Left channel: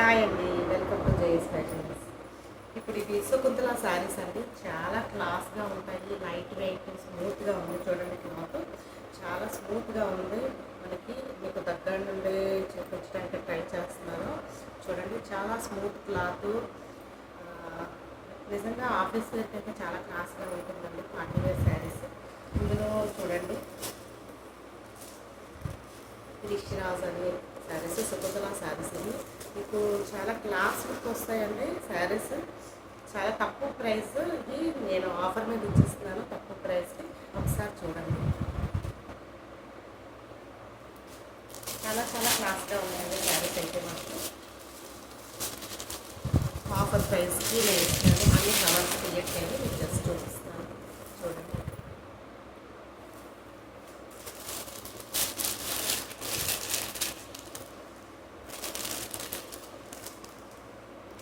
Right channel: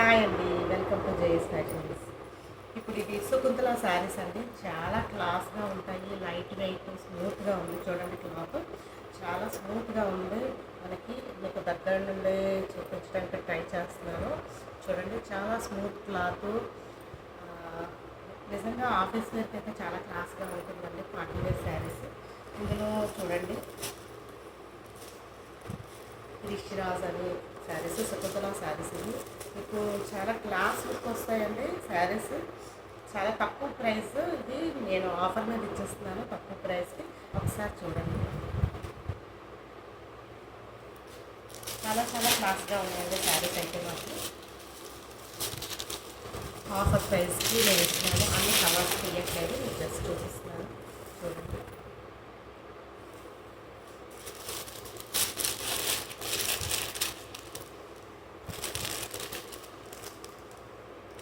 Hi అండి, welcome to JS fashions. ఇప్పుడు ఇది శకుంతల శారీస్ అండి. చాలా క్లాస్గా ఉంటాయి, లైట్ వెయిట్, స్మూత్గా ఉంది. చూడండి, క్లాత్ చాలా స్మూత్గా ఉంది. మనకి మీకు దగ్గర నుండి చూపించడానికి ట్రై చేస్తున్నాను. చూడండి, చాలా స్మూత్ క్లాత్. నిజంగా ఆఫీస్ వేర్కి అయితే చాలా క్లాస్గా ఉంటుందండి. Party wear saris. ఇందులో చూడండి, రిషిరాజ్ అని శారీస్, శకుంతల శారీస్. ఇవి మీకు చాలా క్లాస్ లుక్ వస్తాయండి. శారీస్ చాలా తక్కువ ప్రైస్. ఇది నేను ఆఫర్ మీద ఇచ్చేస్తున్నాను తక్కువ ప్రైస్కి. ఒకసారి చూడండి, చాలా చాలా క్లాస్గా ఉన్నాయండి శారీస్ అయితే మాత్రం. ఆఫర్ ప్రైస్కి నేను ఇస్తున్నాను. అన్ని కలర్స్ తీయట్లేదు, మీకు జస్ట్ చూపిస్తున్నాను. చూడండి,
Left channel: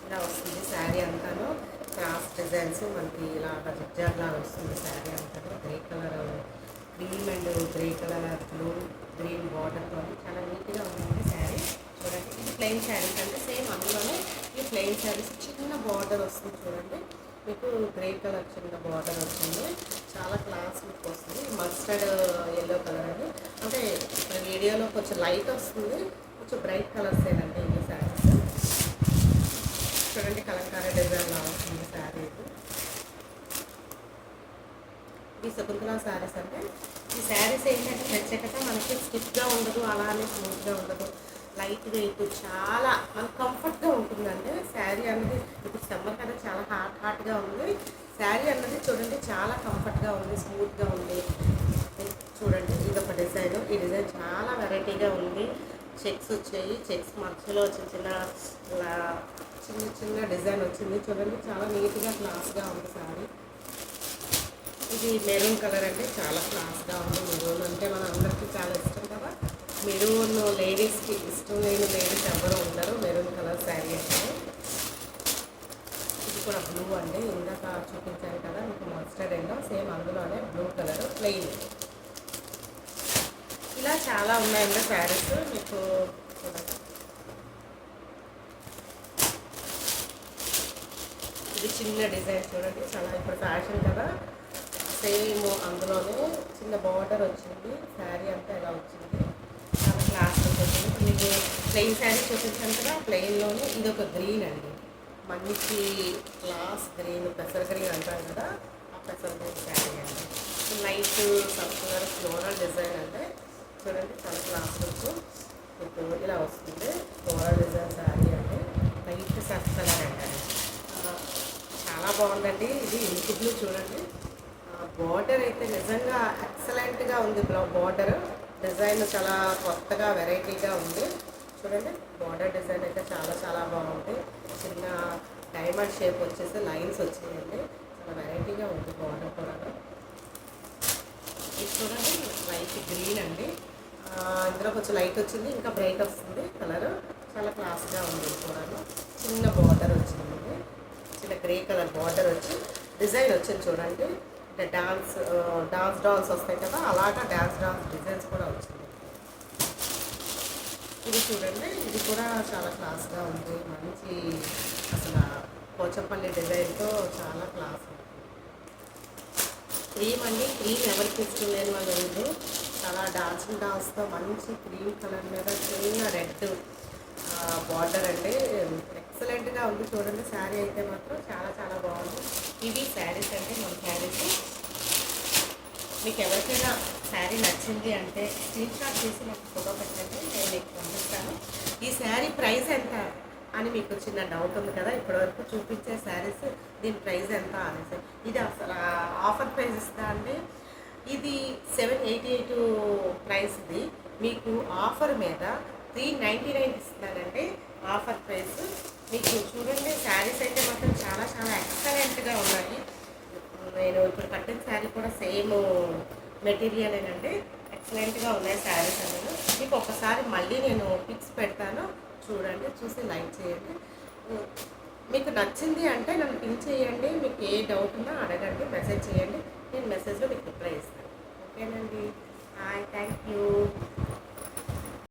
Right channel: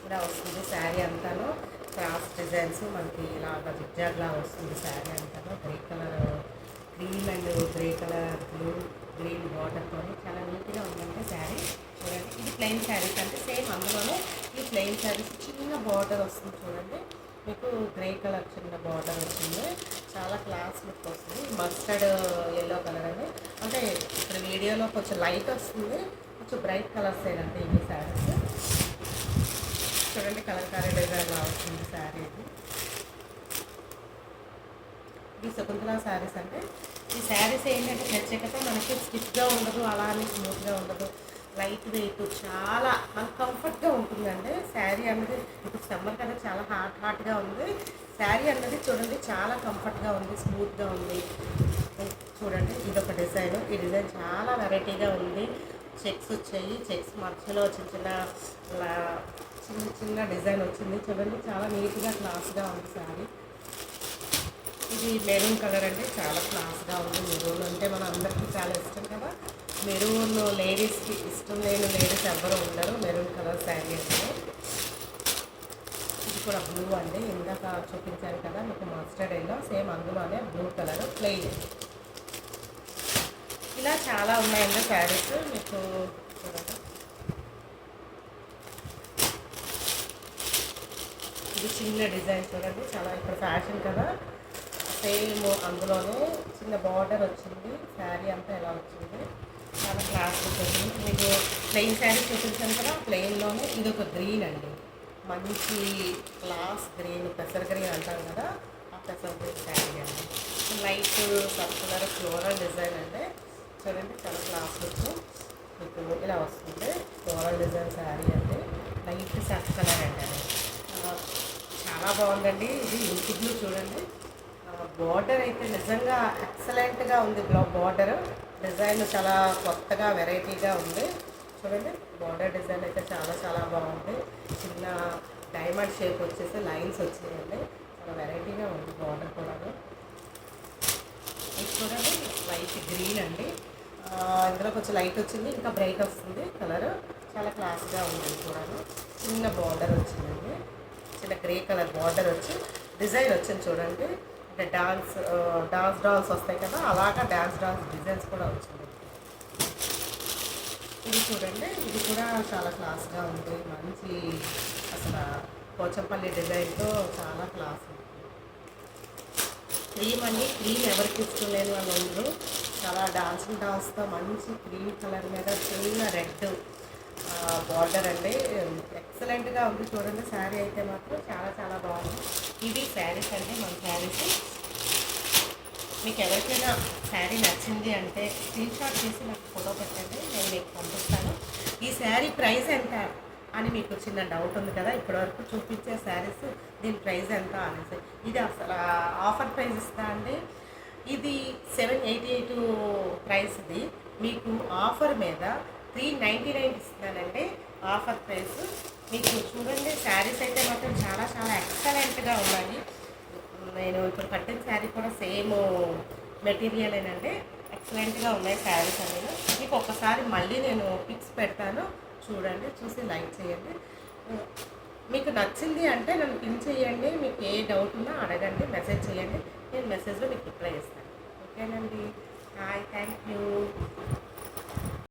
ఇలా వస్తుంది శారీ అంతాను. క్రాస్ డిజైన్స్ మనకి ఇలాగ జిగ్జాగ్ లాగా వస్తుంది శారీ అంతాను. Grey colour, cream and grey colour, blue green బార్డర్తో చాలా నీట్గా ఉందండి శారీ. చూడండి, ఇది ప్లెయిన్ శారీస్ అంటే సేమ్ అందులోనే ఈ ప్లెయిన్ శారీస్ చిన్న బార్డర్ వస్తుంది. చూడండి, మీకు గ్రే కలర్ చిన్న బార్డర్ వస్తుంది. చాలా క్లాస్ లుక్ వస్తుంది. మస్టర్డ్ ఎల్లో కలర్ అని అంటే ఇప్పుడు వీడియోలో కొంచెం లైట్ వస్తుంది, కొంచెం బ్రైట్ కలర్స్ ఏనండి ఇవి శారీస్. చూడండి, కలంకారీ డిజైన్ లా వస్తుంది శారీ. ఇది శకుంతల శారీస్ అంటే ఈ శారీస్ ఏంటంటే ప్రత్యేకత మనకి స్టిఫ్గా ఉండదు, అలానే స్మూత్గా ఉండదు, లైట్ వెయిట్, చాలా మనకు కంఫర్ట్గా ఉంటుందండి శారీ అన్నది. ఇప్పుడు సమ్మర్ కదా, చాలా హాట్గా ఉంది శారీ అన్నది. చూడండి, చాలా కంఫర్ట్గా ఉంది, స్మూత్గా ఉంది. చూడండి, ఇది ఒక డిజైన్. ఈ డిజైన్ చాలా వెరైటీగా ఉంది. చెక్స్ వచ్చాయి, చెక్స్ మధ్యలో చిన్న చిన్న చిన్న డిజైన్ వచ్చింది. చూడండి, చాలా నీట్గా క్లాస్గా ఉంది శారీ. ఇది మెరూన్ కలర్ అండి, చాలా క్లాస్గా ఉంది. మెరూన్ అంటే మన అందరికీ చాలా ఇష్టం కదా. మెరూన్ లేడీస్కి ఇష్టం లేని లేడీస్ ఎవ్వరూ ఉండరు మెరూన్ కలర్ శారీ అంటే. ఇది కూడా బ్లూ అండి, ఇందాక చూపించాను కదా మీకు మస్టర్డ్ ఎల్లో, సేమ్ అందులోనే బ్లూ కలర్ ప్లెయిన్. ఇలా చాలా ఉన్నాయండి శారీస్. మీకు చూడండి, ఇది చిన్న డిజైన్. చూడండి, చాలా ఇప్పుడు ఫ్యాషన్ కదా, సేమ్ అందులోనే చిన్న బార్డర్ వచ్చింది. శారీ అంతా ఎలా వచ్చింది, చాలా క్లాస్ వచ్చింది. మీకు ప్లెయిన్ శారీ చూపించాను కదా, ప్లెయిన్లోనే ఇది ఒక గ్రీన్ అండి, మంచి క్లాస్ గ్రీన్, పెసర గ్రీన్ అంటారు కదా, ఆ పెసర గ్రీన్ శారీ అండి. లైట్ సర్కులర్ ఫ్లోరల్ డిజైన్ అంటే చూడండి, చాలా క్లాస్ లుక్ మీకు ఇలా వస్తుంది. ఫ్లోరల్ డిజైన్ శారీ అంటే లైట్ సర్ఫ్ కలర్ అండి అది. చాలా బాగుందండి. ఇది ఇంకు బ్లూ. చూడండి, బార్డర్ అయితే నిజంగా ఎక్సలెంట్గా ఉంది. బార్డర్ డిజైన్ చాలా కొత్తగా వెరైటీగా ఉంది. చూడండి, బార్డర్ డిజైన్ అయితే చాలా చాలా బాగుంది. చిన్న డైమండ్ షేప్ వచ్చేసి లైన్స్ వచ్చాయండి, చాలా వెరైటీగా ఉంది బార్డర్ కూడా. ఇది చూడండి, లైట్ గ్రీన్ అండి. ఇందులో కొంచెం లైట్ వచ్చింది, ఇంకా బ్రైట్ వస్తుంది కలర్. చాలా క్లాస్గా ఉంది. కూడా చిన్న బార్డర్ వచ్చిందండి, చిన్న గ్రే కలర్ బార్డర్ వచ్చి డిజైన్ వచ్చింది. చూడండి, అంటే డాన్స్ వస్తాయి కదా, అలాగా డాన్స్ డిజైన్స్ కూడా వచ్చింది. ఇది చూడండి, ఇది కూడా చాలా క్లాస్గా ఉంది. మంచి అసలు పోచంపల్లి డిజైన్తో చాలా క్లాస్ ఉంది. క్రీమ్ అండి, క్రీమ్ ఎవరికి ఇష్టం లేని వాళ్ళు ఉండరు. చాలా డాన్స్తో మంచి క్రీమ్ కలర్ మీద చిన్న రెడ్ బార్డర్ అండి, ఎక్సలెంట్గా ఉంది. చూడండి, శారీ అయితే మాత్రం చాలా చాలా బాగుంది. ఇవి శారీస్ అంటే మన శారీస్. మీకు ఎవరికైనా శారీ నచ్చింది అంటే స్క్రీన్ షాట్ చేసి నాకు ఫోటో పెట్టండి, నేను మీకు పంపిస్తాను. ఈ శారీ ప్రైస్ ఎంత అని మీకు చిన్న డౌట్ ఉంది కదా, ఇప్పటివరకు చూపించే శారీస్ దీని ప్రైస్ ఎంత అనేసి. ఇది అసలు ఆఫర్ ప్రైస్ ఇస్తా అండి. ఇది 788 ప్రైస్ది మీకు ఆఫర్ మీద 399 ఇస్తున్నానండి ఆఫర్ ప్రైస్. మీకు చూడండి, శారీస్ అయితే మాత్రం చాలా చాలా ఎక్సలెంట్గా ఉన్నాయి. నేను ఇప్పుడు కట్టిన శారీ కూడా సేమ్ మెటీరియలేనండి, ఎక్సలెంట్గా ఉన్నాయి శారీస్ అనేవి. మీకు ఒకసారి మళ్ళీ నేను పిక్స్ పెడతాను, చూడండి, చూసి లైక్ చేయండి. మీకు నచ్చింది అంటే నన్ను పిన్ చేయండి, మీకు ఏ డౌట్ ఉన్నా అడగండి, మెసేజ్ చేయండి, నేను మెసేజ్లో మీకు రిప్లై ఇస్తాను. ఓకేనండి, హాయ్, థ్యాంక్ యూ.